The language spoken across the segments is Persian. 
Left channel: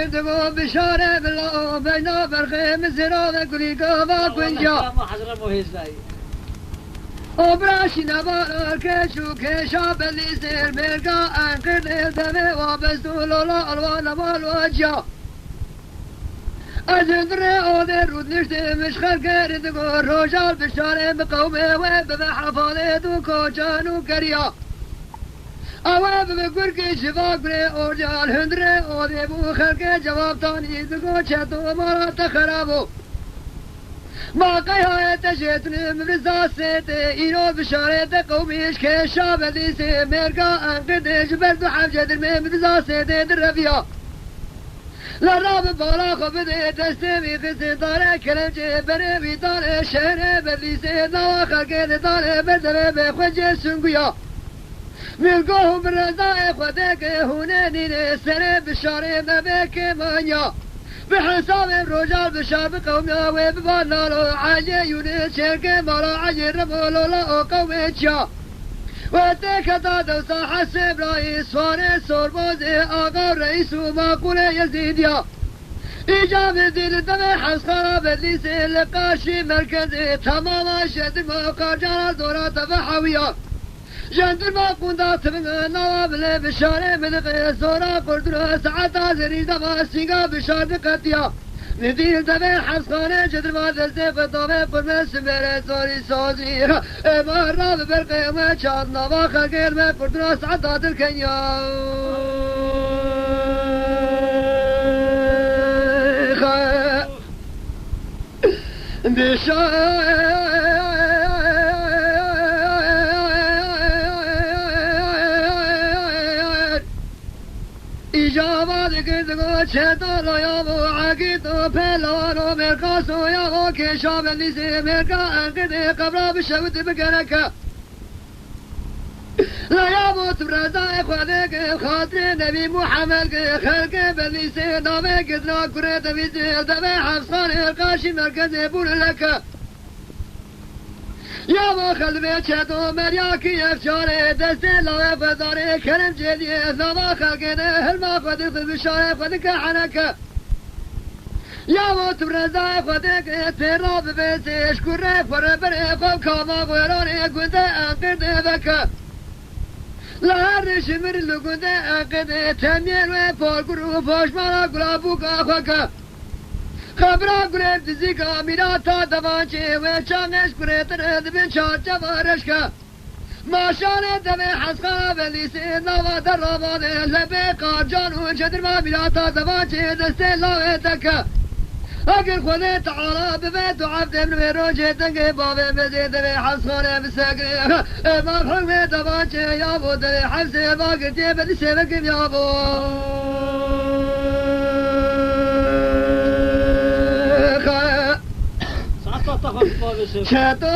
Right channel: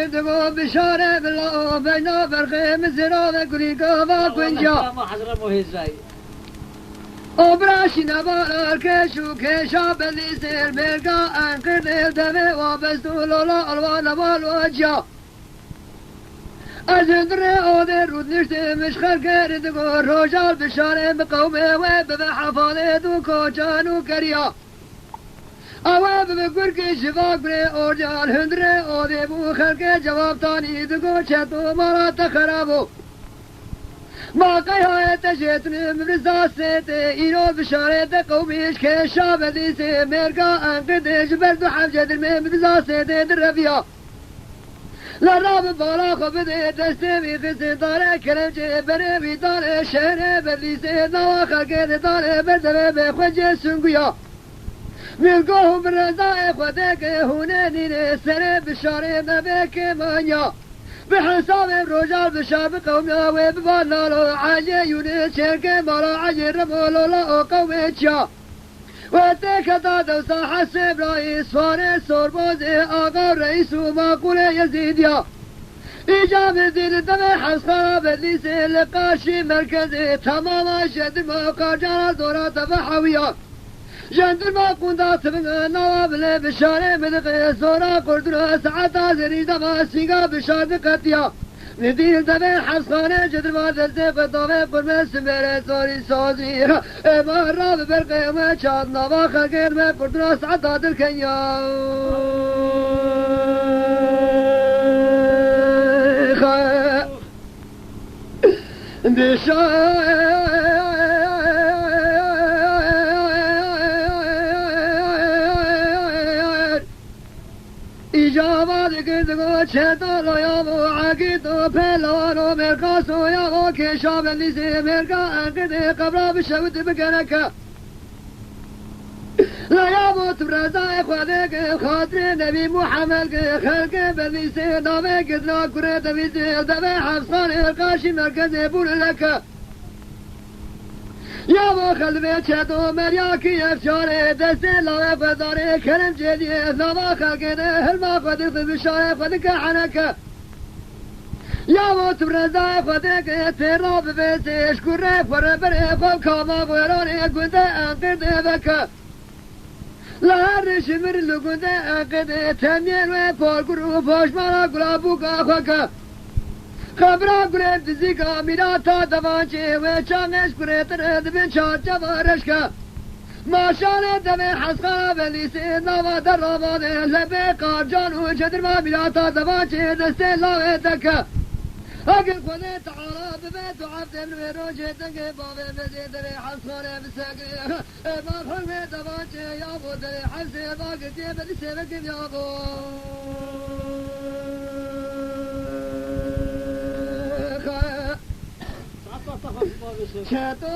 قدمو بشاره بلا بينا فرخي مزرا وكلي قوا كنجا أبراشي نبار كشو كشا بليسير ميرقا أنقذ الدمي وابستو لولا الوان والوجا أجندري أودي رود نشتي مشخر كردقو روشال بشاري بقومي وبحفالي دوكو جانو كريا أواب بقرقي شفاق بري أورجال هندري أودي بو خلقي جواب تاني دقو چتو مالا تخرابو ما قيها تشيتني مبرزا سيتي إيرو بشاري قوميش كيشا بديسي ميرقا أنقدش بردو حفجة المي مبرزا سيتي درفيا لراب بالا خبدي دستي قسي داري كلمجي بريوي داري شهري بديسي نوا خلقي داري بدري بخوجي سنقيا ملقوه برزا إخوتك هوناني سري بشاري مبكي مانيا بحساب الرجال بشار بقومنا وببانا لو عاجي يونس شركة مرا عاجي رمولو لا قومي تشا واتكتا دوسا حسب رئيس فارس سوربوزي آقا رئيس وماقول يزيديا إيجاب الدين دمي حسخرا بدليسي لقاشي مركزي تماما شد موقع جانا دورا تفحويا جندر ما كندا تبنى نواب لي بشاري مدقي زورا قردنا ساعتا زريج دفا سيقا بشار بقتيا ندير دمي حسخاني جدر ما دلتي قطوفي قرمي سميري زوري سوزي اما راب برقي ما شاد نوا خلقير ما قردنا ساعتا دلكيا إجابات قدقو شتو لو يابو عقيدو بلوانو مرقاسو يابو كشاب الليسي مرقا انقدي قبرا بشوت بقركا لا يابو تبرزا إخوانك خاطر نبي محمد خلق بليسي نامي قدنا كريت بيسي دمي حفصان إرقاشي مركزي بول لك يا ما خلبي شتو مرياكي افشاري دستي لو فداري كلم جدي نما خلقنا هل ما قدرت بشاري فدك حنك يا ما تبرزا فدك تراب بيسي اشكر فربري فوق كما غيراني قد انقذ بك لا رشمر لقد انقذ تنين وفوق فوش مرا قلابوك اخوك خبرا قلت زيكا ميراتا دفانشي وشانش قلت رد بن شارجا وارشكا ما شانت دمي حسخا بليسي نوا دراباني لبي قارجان وشدر ما ميراتا دفانشي دستي لاوي دكا اقل خوني تعالى ببيت وعبد من ويروجي دنقي بابي بزيد دمي حسخاني بساقري ما حكمي دفانشي يابو دمي حبسي ما قلتي بليسي بكم يابو شتو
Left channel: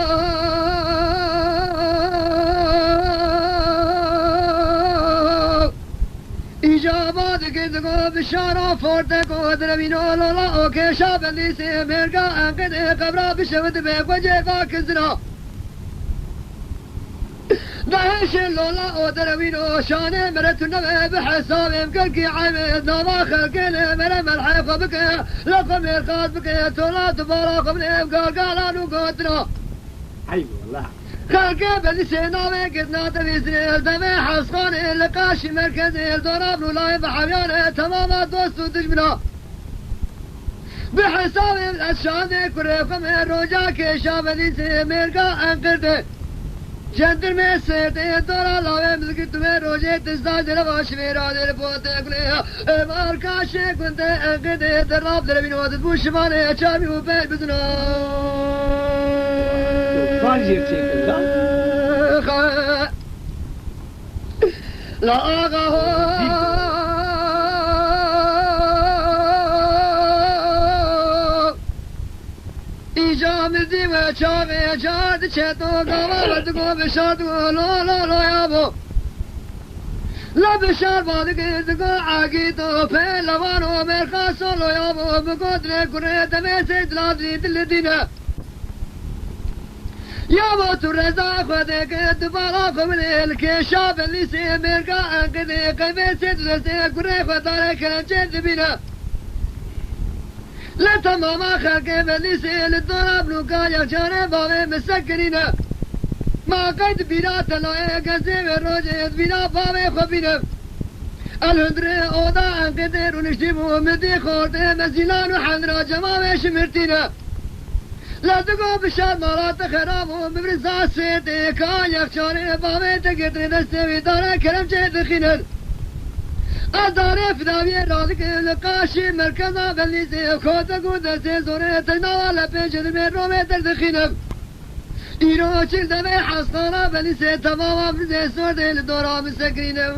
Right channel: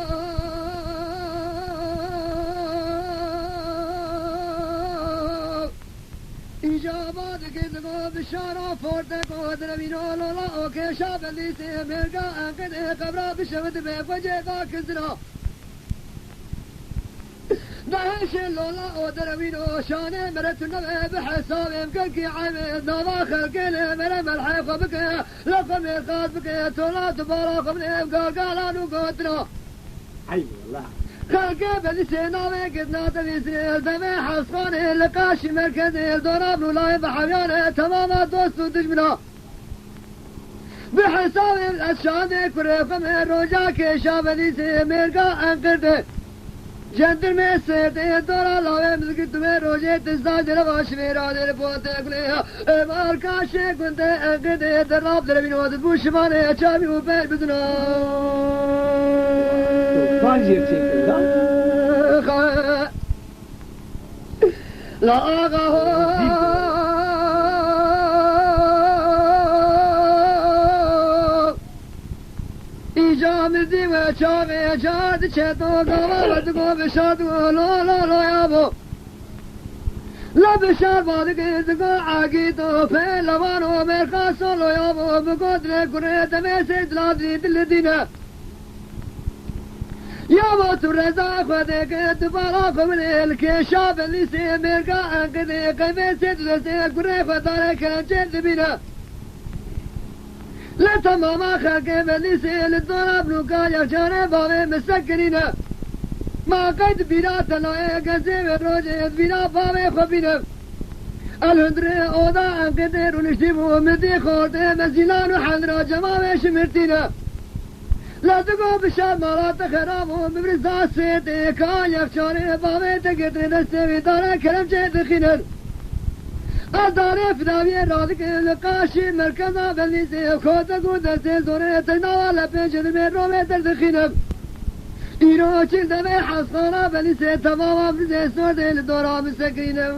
إجابات قدقو بشارة فورتكو درمينو لولا اوكي شاب الليسي ميرقا انقذ قبرا بشوت بيك وجيقا كزنا دهش لولا او درمينو شاني مرتو نبي بحساب مكلكي عميد نوما خلقين مرة ملحيقة بك لقم يرقاد بك تولا تبارا قبني قالانو قدنا أي والله خلقين بلسينا وقدنا تبيسني دمي حسخاني لقاشي مركزي الدوراب نولاي بحبياني تماما دوستو دجمنا بحساب الأشاني كريقم الرجا كيشا بلسي ميرقا انقرده جندر में सेते तोरा लावे मिलके तुम्हें रोजे तिस्ता जरा शिवेरा दे पोते अगले मार काशे गुंदे अगदे दराब दे बिनोद बुशमाने चाबी ऊपर बिदना فانجير تيكل لا آغا إجامزي وشامي جاد شتو قوالدقو بشادو لا لا لا يابو لا بشار بادقو عاقيدو فيلوانو مرخاصو لا يابو بقدر كريت ميسيد لابزي دلدينا يابو ترزا خدك دبالا قبل الكشاب اللي سيمرقا انقذي قميسيد لسي كري خدارك جد بنا لا تمام خلق بليسي للضرب لوكا يجاري بابي مسكرينه ما قد بلا تلاقي قزيب الروجي بلا بابي خبينه الهندري اوضا انقدر ونشتبه مدي خورته مزيلان وحندرا جماوي شمرتينه لا تقو بشار مرات خراب ومبرزا سيتي كان يخشاري بابي تقدر دستي داري كرم جيد خينر أداري فداوي رادك لقاشي مركزا بليسي خوتا قودة سيزوري تقناوا لبنجد من رومي تردخينر إيرو چل دمي حسقانا بليسي تماما بزي سوردي لدورا مسكرينه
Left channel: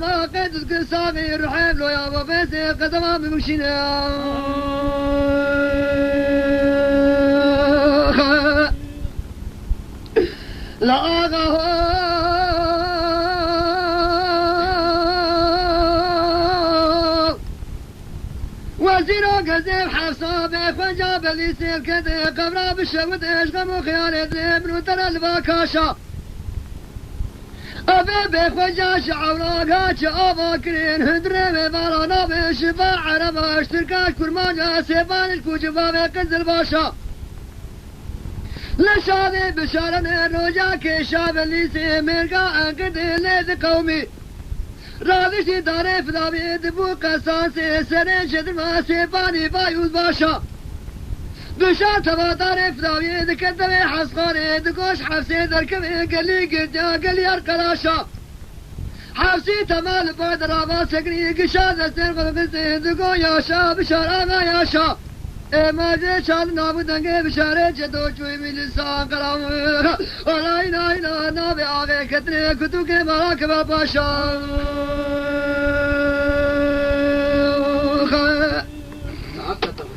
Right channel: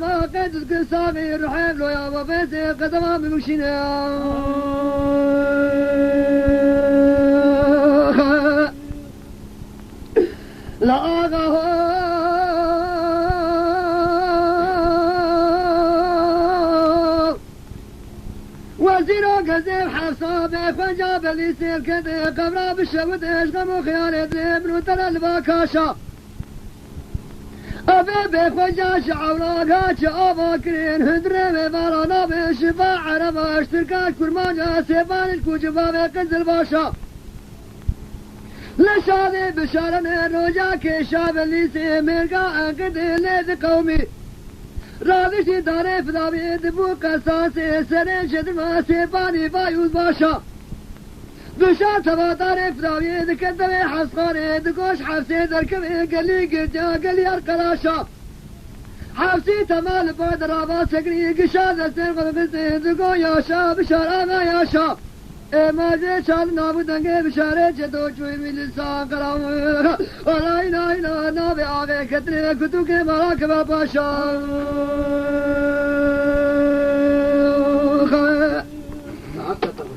ما قد قصامي الرحيم لو يا بابيسي قدما بمشينه لا آغا وزيرو قزيب حفصة بفنجاب اللي سيل كده قبرا بالشود اشغم وخيار ابن وترى الباكاشا أبي بفنجاش عوراقات أبا كرين هدري ببارانا بشفاء عربا اشتركاش كرمانجا سيبان الكوجبا بقز الباشا لشادي بشارن روجا كشاب اللي سيمرقا انقد ليذ قومي راضي داري فدابي دبو قصاصي سنين شدر ما سيباني بايوز باشا بشار تبا داري فدابي دكدبي حسقاري دكوش حفسي دركبي قلي قديا قلي ارقلاشا حفسي تمال بعد رابا سكري قشاد استرقل بسي دكو ياشا بشار آغا ياشا ما جي شاد نابو دنگي بشاري جدو چوي ملسان قرام ولا اينا نابي آغي كتري كتو کے مراكبا باشا